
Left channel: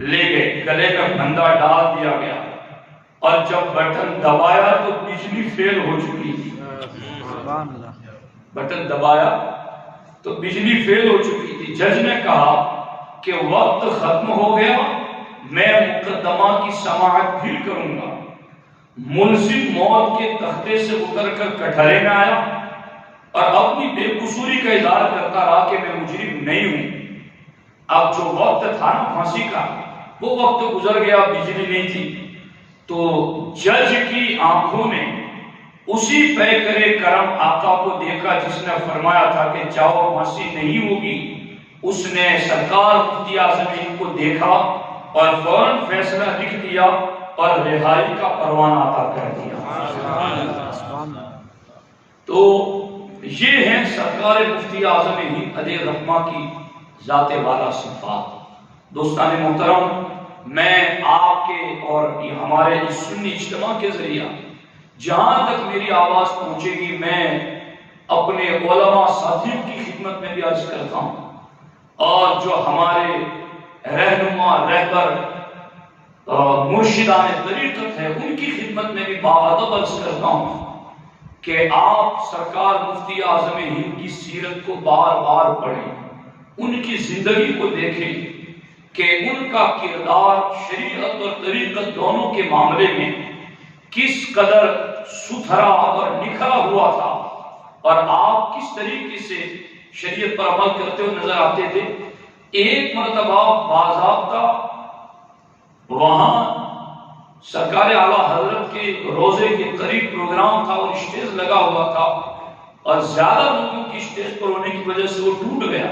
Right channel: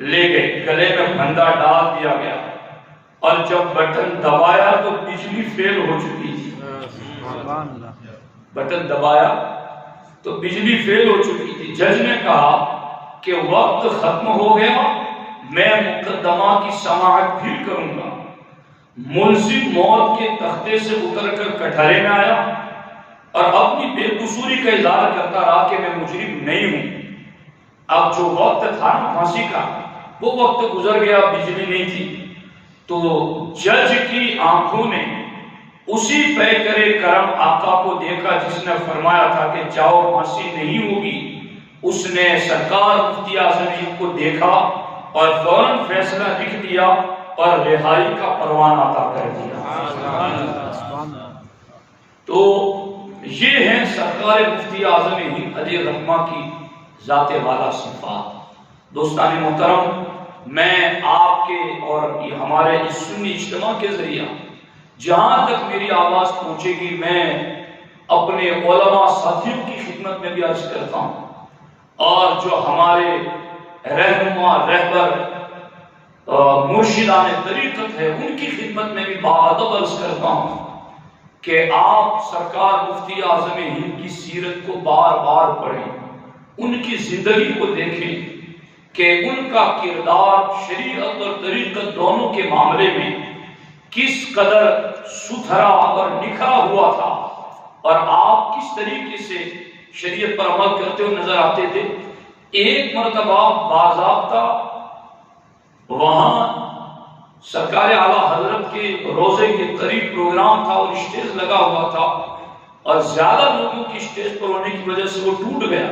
لے گئے، گلے میں پھندا ڈال دیا گیا، اور جب بٹن دبایا تو بجلی فیل ہو چکی تھی۔ سبحان اللہ، بٹن دبایا تو بجلی فیل ہو چکی تھی۔ جج نے کہا کہ وقت ختم ہو گیا، میں مقدمہ کی سماعت پھر کروں گا۔ ملزم موت کے تختے سے اتر کر کٹہرے میں آیا اور اپنی بے قصوری کا اظہار کرتا رہا کہ میں مجرم نہیں ہوں۔ اب جو وقت تھا نا پھانسی کا، وہ وقت گزر گیا، بجلی نہیں تھی، تو جج کی آنکھوں نے اسی پیکر کرم آقا کو دیکھا جس نے فرمایا تھا کہ جاؤ پھانسی نہیں ہوگی۔ اس نے سرکار مفتی اعظم ہند کو دیکھا اور فوراً فیصلہ لکھ دیا اور رہائی کا پروانہ عطا کر دیا۔ تو یہ ہیں سرکار مفتی اعظم ہند علیہ الرحمہ کی ذات والا صفات۔ دوستان محترم، میں آپ کے اور ہمارے اس سنی اجتماع کے ذریعہ جہاں تک میری آواز پہنچے گی، میں اپنے علماء ساتھیوں کی خدمت میں بھی عرض کرتا ہوں، اور جو ہمارے رہنما رہبر مرشدان طریقت ہے ان کی خدمت میں بھی باادب عرض کرتا ہوں کہ آپ سرکار مفتی اعظم ہند کی سیرت کو بار بار پڑھیں، ان کی زندگی کو دیکھیں کہ ان کا کردار شریعت اور طریقت دونوں کے معاملے میں کس قدر ستھرا اور نکھرا ہوا تھا، اور آپ کس طریقے سے شریعت پر عمل کرتے ہوئے نظر آتے تھے۔ ایک مرتبہ باضابطہ وہاں سرکار اعلیٰ حضرت کے روزے کے قریب پروگرام تھا اور اسٹیج لگا ہوا تھا، اور زیادہ لوگوں کی اسٹیج پر ہونے کی وجہ سے وہ ٹوٹ گیا،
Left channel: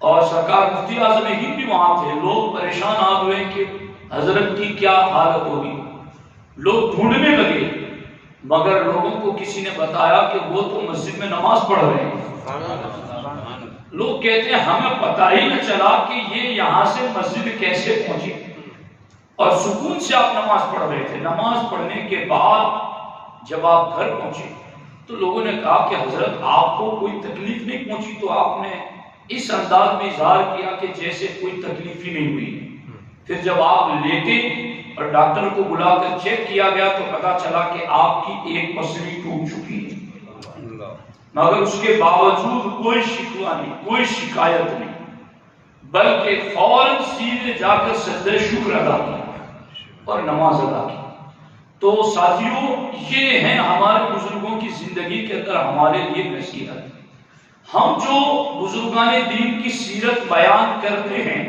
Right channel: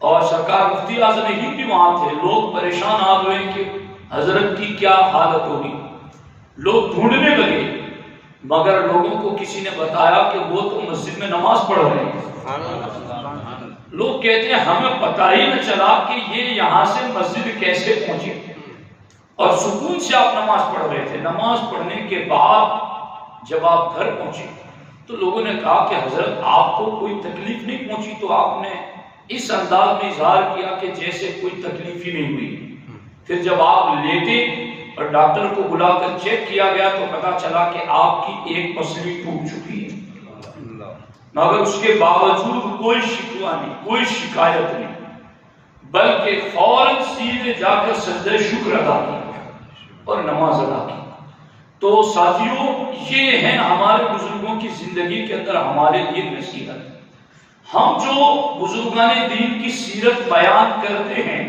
اور سرکار مفتی اعظم ہند بھی وہاں تھے۔ لوگ پریشان آ ہوئے کہ حضرت کی کیا حالت ہوگی، لوگ ڈھونڈنے لگے، مگر لوگوں کو کسی نے بتایا کہ وہ تو مسجد میں نماز پڑھ رہے ہیں۔ لوگ کہتے ہیں ہمیں پتہ ہی نہ چلا کہ یہ یہاں سے مسجد کیسے پہنچے، اور سکون سے آپ نماز پڑھ رہے تھے۔ نماز پڑھنے کے بعد جب آپ گھر پہنچے تو لوگوں نے کہا کہ حضرت آپ کو کوئی تکلیف نہیں پہنچی؟ تو آپ نے اس انداز میں اظہار کیا کہ جیسے کوئی تکلیف ہی نہیں ہوئی۔ پھر جب آپ لیٹے اور ڈاکٹر کو بلا کر چیک کیا گیا تو پتا چلا کہ آپ کی ایک پسلی ٹوٹ چکی ہے، مگر اس کے باوجود کوئی شکوہ نہیں، کوئی شکایت نہیں، بلکہ فوراً سیدھے جا کر سجدہ شکر ادا کیا اور نماز ادا کی۔ تو ساتھیوں، یہ ہیں ہمارے بزرگوں کی زندگی کے اندر ہمارے لیے نصیحت۔ ہم جو بزرگان دین کی سیرت بیان کرتے ہیں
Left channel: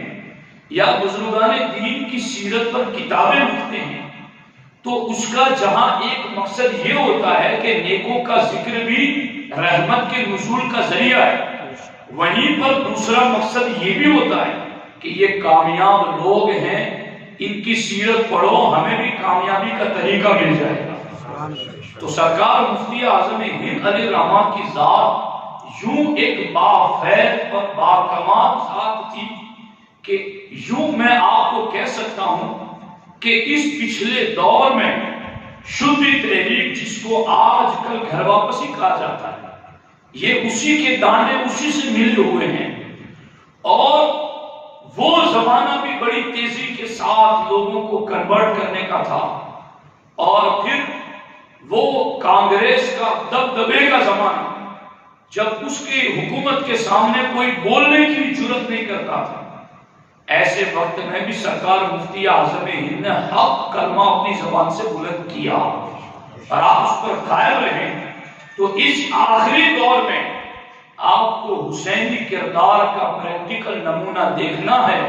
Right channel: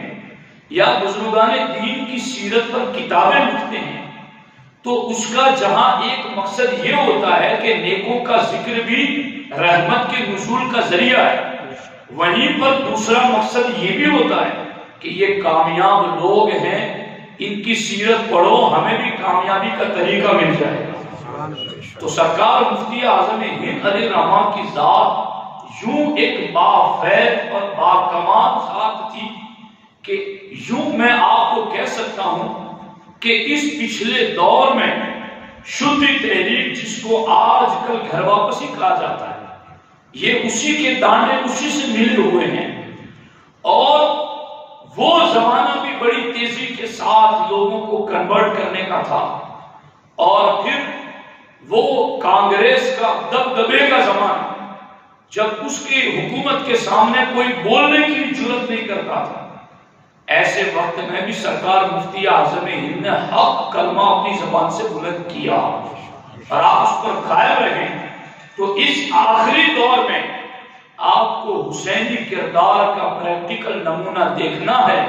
یا بزرگان دین کی سیرت پر کتابیں لکھتے ہیں، تو اس کا جہاں ایک مقصد یہ ہوتا ہے کہ نیکوں کا ذکر بھی رحمت کے نزول کا ذریعہ ہے، وہیں پر دوسرا مقصد یہ بھی ہوتا ہے کہ یہ کامیاب لوگ ہیں، ان کی سیرت پڑھو، ہمیں بھی کامیابی کا طریقہ مل جائے گا۔ تو سرکار مفتی اعظم ہند علیہ الرحمہ کی ذات یوں ایک بافیض اور باکمال ذات تھی کہ یوں میں آپ کو کہہ سکتا ہوں کہ اس پچھلے دور میں شدی تحریک، جس کو آج کل گھر واپسی کہا جاتا ہے، یہ اسی کے دانے اسی سے ملے ہوئے ہیں، اور وہ زمانہ بھی بڑی تیزی کے ساتھ لوگوں کو کنورٹ کرنے کا تھا، اور پھر وہ کانگریس کا دبدبے کا زمانہ، جب اس کی حکومت کے سامنے کوئی بولنے کی بھی جرات نہیں کرتا تھا۔ ایسے وقت میں بھی سرکار مفتی اعظم ہند نے حق کلمہ اپنی زبان سے بلند کیا، اور آپ اس پر قائم رہے۔ تو اس آخری دور میں آپ کو حسینی کردار کا پریکٹیکل نمونہ دیکھنا ہے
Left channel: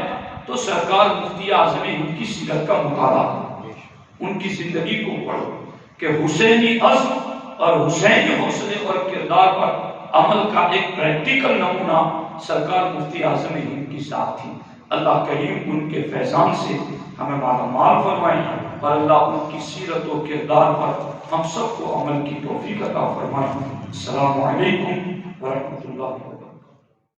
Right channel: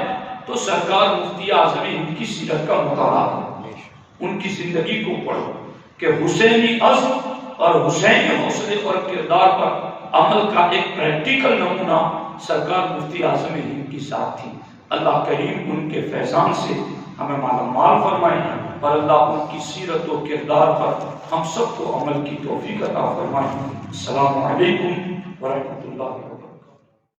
تو سرکار مفتی اعظم ہند کی سیرت کا مطالعہ کرو، ان کی زندگی کو پڑھو کہ حسینی عزم اور حسینی حوصلے اور کردار پر عمل کا ایک پریکٹیکل نمونہ سرکار مفتی اعظم ہند کی ذات تھی۔ اللہ کریم ان کے فیضان سے ہمیں مالا مال فرمائے، اور اللہ ان کی سیرت و کردار پر ہم سب کو عمل کی توفیق عطا فرمائے۔ السلام علیکم ورحمۃ اللہ وبرکاتہ۔